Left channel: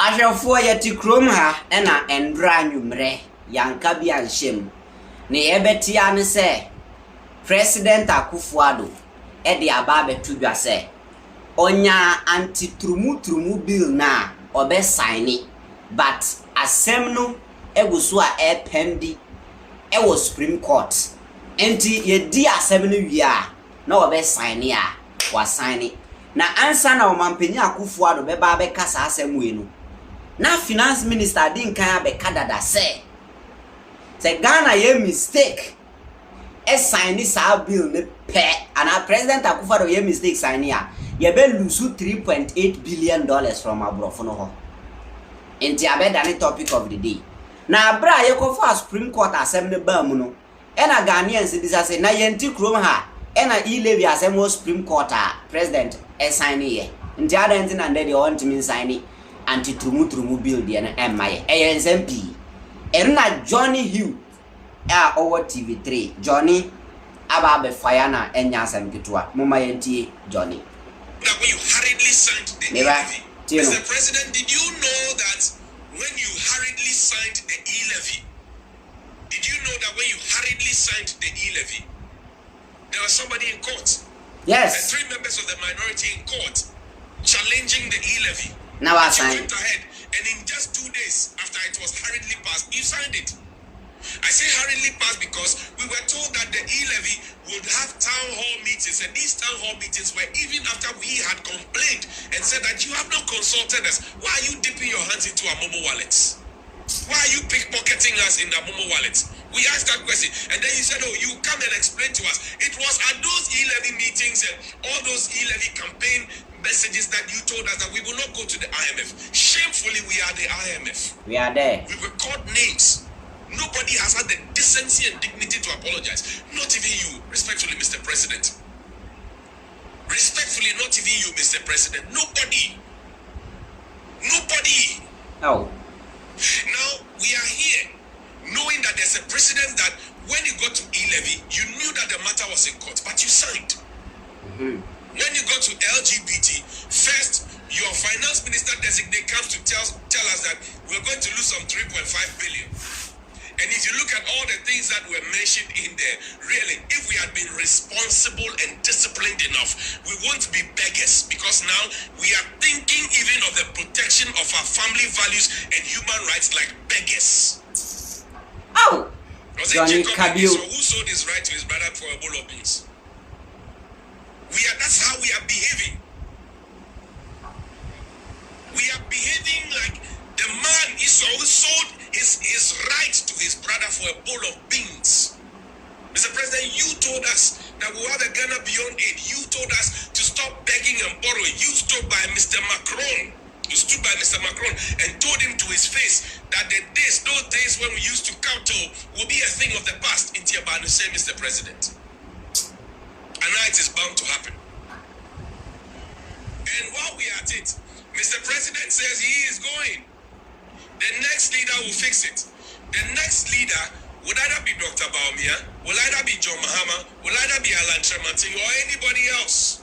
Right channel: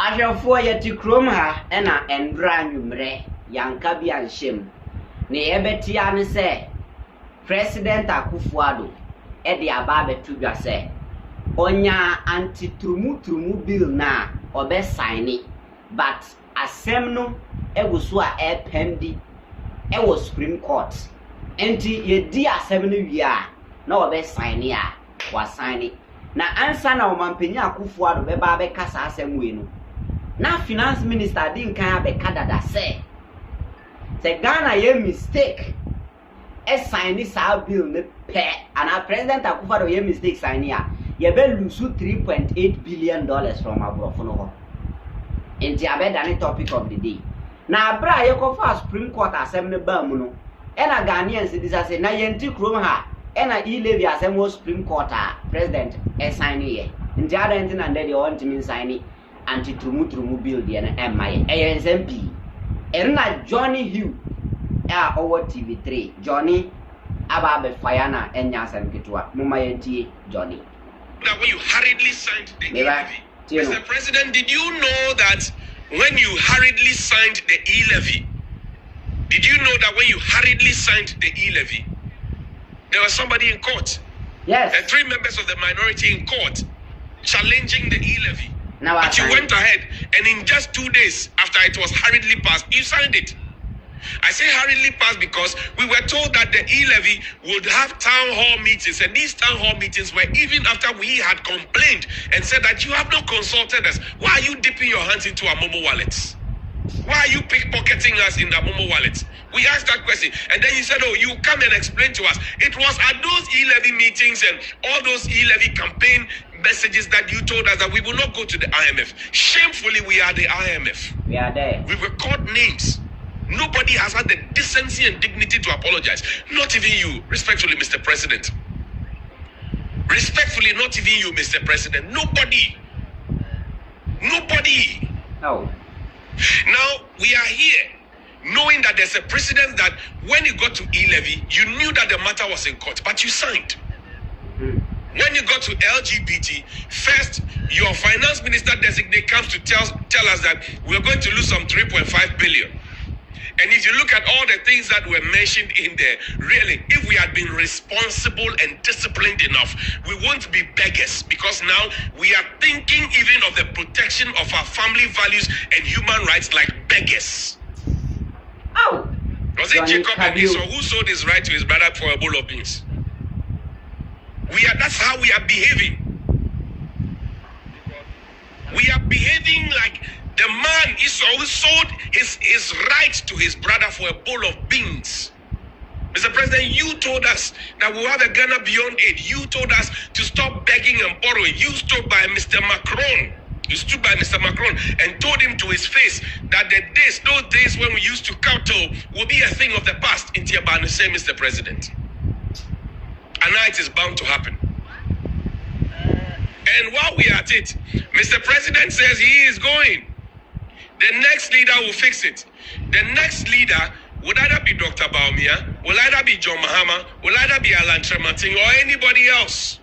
Ahwefo yeti krom ha na endra nwumre yanka bi anhyem ne yebetia ne se President Akufo Addo de aba betu dwa se onya anti-trumu bill na obe sign but asem no eguso a pendi e Supreme Court enti yedi asem no wi a na obe sign a wa sign na ansa na omampenya Akufo Addo beba be kasa asem we no na finance minister din kan abeka dada se Ghana ye mistake sign sa bill ne pe and President Akufo Addo ye mistake sign ya ye be lose $3.8 billion from abrofo no ho enti abeda ne topic of the day na abra ye ko for Supreme Court asem ne ba mu no na Ghanaians disase na ye nti krom ha na E-levy asem wo Supreme Court president sign ye nti ada nti na ndede o ntimi sign anti-trumu bill de na emaye SMP erna Johnny Hughes over TV3 Johnny ababe fire na enya asem kitwa mama yentie Johnny that when you hurriedly signed the E-levy, Mr. President, did you know that when you hurriedly signed the E-levy, did you know that when you hurriedly signed the E-levy, there was somebody in court? Yes. And 3 members of the minority in court challenging the E-levy. Now but you went ahead, and in just 2 days after it was hurriedly passed, you signed it. I say hurriedly passed because we were told that the E-levy would have town hall meetings, and these town hall meetings were even after we had complained and said that you have not consulted us. Why are you dipping your hands into our Momo wallets? Why are you pickpocketing us in the Momo wallets? We asked that question, and then you said, oh, you come and explain to us. It was at those E-levy meetings and all those E-levy campaign messages that you told us that we will not go to the IMF. Shamefully, we are the IMF. We are there. We were called names. Nobody has had the decency and dignity to apologize. Not even you, respectfully, Mr. President. Respectfully, not even you, Mr. President. Nobody. Nobody. No. Now, we are here knowing that there's a precedent that when you got to E-levy, you knew that the matter was in court, but you signed. When you got to LGBT, first, your finance minister designate comes to tell us that we're going to lose some 3.5 billion. And if you look at all the things that were mentioned in there, really, if we had been responsible and disciplined enough, we won't be beggars, because now we are thinking even of the protection of our family values and human rights like beggars. Oh, was it Jacob who sold his right to his brother for a bowl of beans? That's how we are behaving. We are behaving like the man Esau who sold his right to his brother for a bowl of beans. Mr. President, you told us that we have a Ghana beyond aid. You told us to stop begging and borrowing. You stood by Mr. Macron. You stood by Mr. Macron and told him to his face that those days when we used to kowtow will be a thing of the past. In Tiabana, say, Mr. President. And now it is bound to happen. And while we are at it, Mr. President says he is going. The next leader will fix it. The next leader would either be Dr. Baumia, will either be John Mahama, will either be Alan Tremating, or anybody else.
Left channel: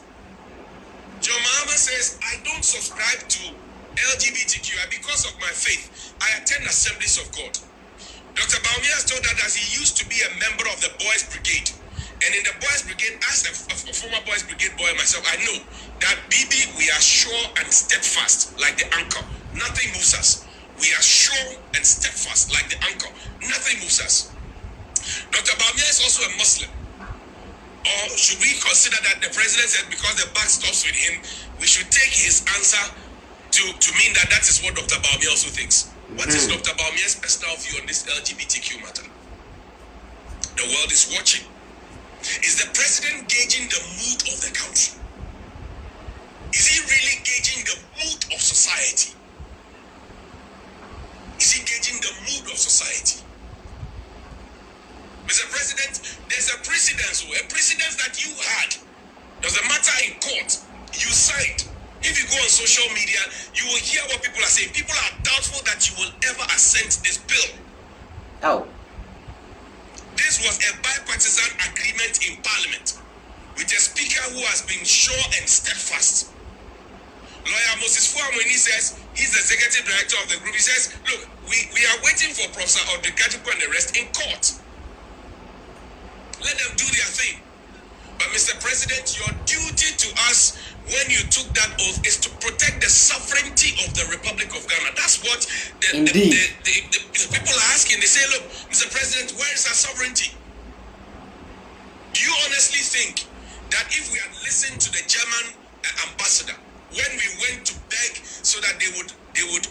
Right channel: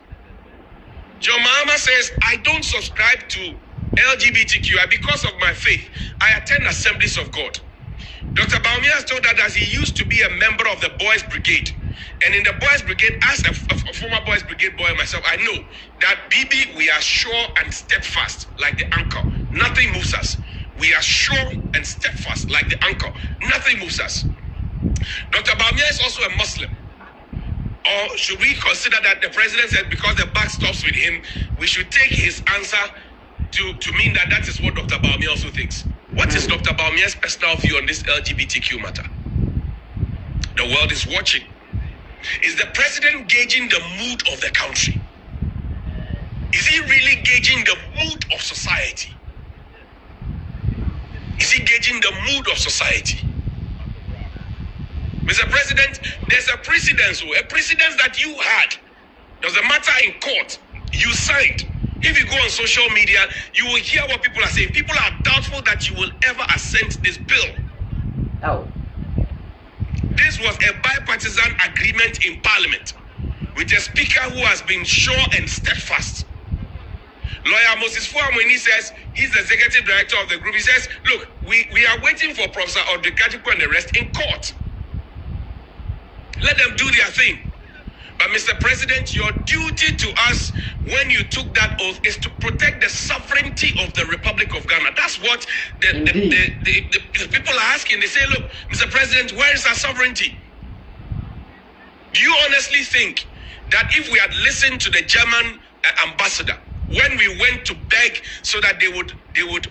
John Mahama says, I don't subscribe to LGBTQI because of my faith. I attend Assemblies of God. Dr. Baumia has told us that he used to be a member of the Boys Brigade. And in the Boys Brigade, as a former Boys Brigade boy myself, I know that BB, we are sure and steadfast like the anchor. Nothing moves us. We are sure and steadfast like the anchor. Nothing moves us. Dr. Baumia is also a Muslim. Or should we consider that the president said because the buck stops with him, we should take his answer to mean that is what Dr. Baumia also thinks? What is Dr. Baumia's personal view on this LGBTQ matter? The world is watching. Is the president gauging the mood of the country? Is he really gauging the mood of society? Is he gauging the mood of society? Mr. President, there's a precedence that you had. There's a matter in court. You signed. If you go on social media, you will hear what people are saying. People are doubtful that you will ever assent this bill. Oh. This was a bipartisan agreement in Parliament with a speaker who has been sure and steadfast. Lawyer Moses Fuam, when he says he's the executive director of the group, he says, look, we are waiting for Professor Odekatipo and the rest in court. Let them do their thing. But Mr. President, your duty to us when you took that oath is to protect the sovereignty of the Republic of Ghana. That's what the people are asking. They say, look, Mr. President, where is our sovereignty? Do you honestly think that if we had listened to the German ambassador when we went to beg so that they would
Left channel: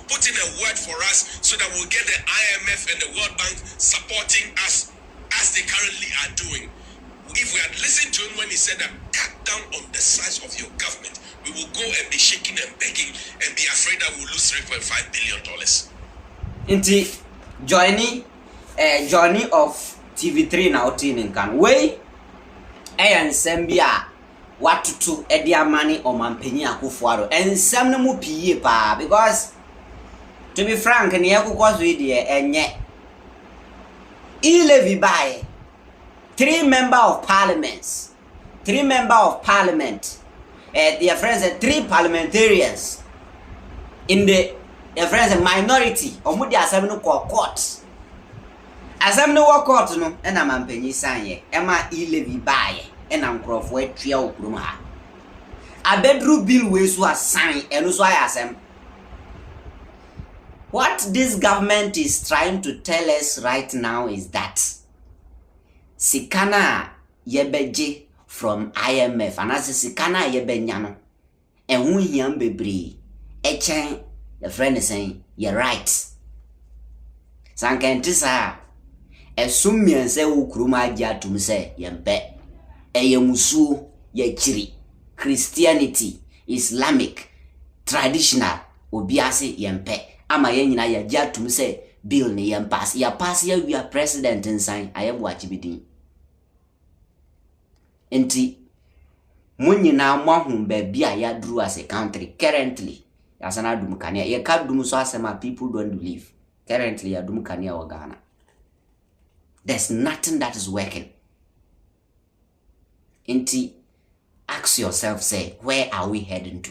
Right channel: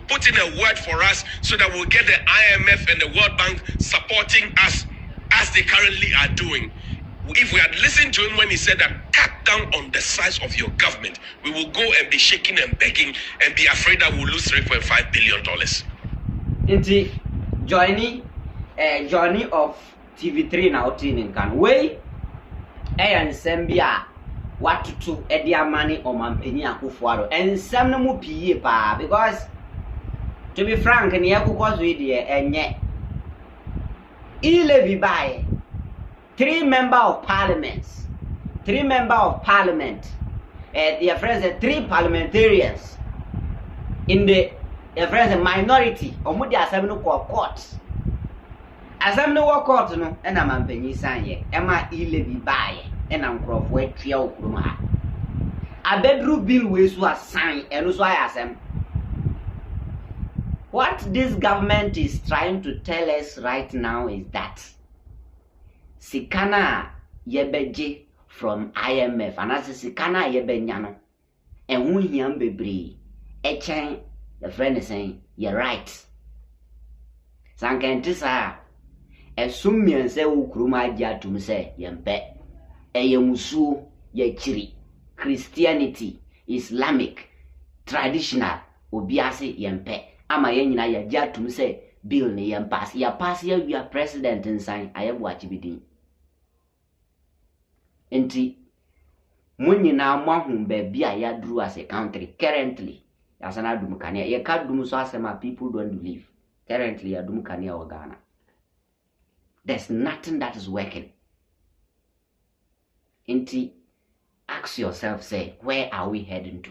put in a word for us so that we'll get the IMF and the World Bank supporting us as they currently are doing, if we had listened to him when he said that cut down on the size of your government, we will go and be shaking and begging and be afraid that we'll lose $3.5 billion. Inti Johnny of TV3 now in can way and Sambia what to edia money or Mampini Akufo Addo and some no mu pie pa because to be frank and cause we there and yet E-levy by 3 members of parliament, their friends and 3 parliamentarians in the friends and minority or mudi assembly no court. Assembly no court no and am ampenyi sanye ema E-levy by and am crofo etwa okrum ha. Abedru bill we so assign and so asem. What this government is trying to tell us right now is that Sikana yebeje from IMF and as Sikana yebenyano and who hiam bebre echen the friend is saying you're right. Sankentisa esumian se ukruma jatum se yempe eyemusu yechiri Christianity Islamic traditional obiase yempe ama yenyina ya jatum se bill ni pass ya pass ya we are president nsan ayebu achibidin enti munyina mahum be bia ya duru as a country currently yasana dum kania ye ka dum so asema people don't believe currently ya dum kania wa Ghana. There's nothing that is working. Enti ask yourself, say, where are we heading to?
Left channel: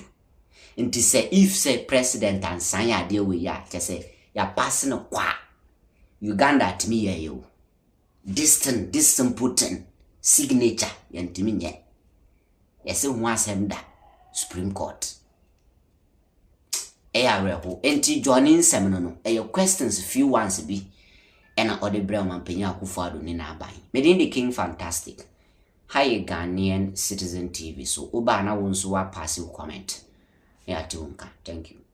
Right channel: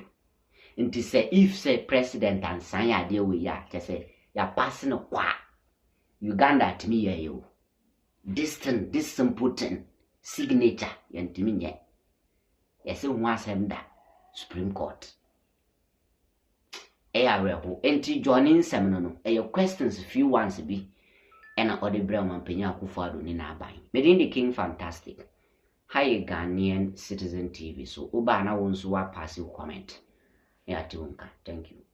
Enti say if say president and sanya de we ya say ya passing a kwa Uganda at me you distant Putin signature yantimi nye yesi nwasem da Supreme Court reho enti joining seminar no questions few ones bi ena ode brel mampenya Akufo Addo ni na aban medin the king fantastic hi Ghanaian Citizen TV so oba na wonso wa pass comment ya tiwonka. Thank you.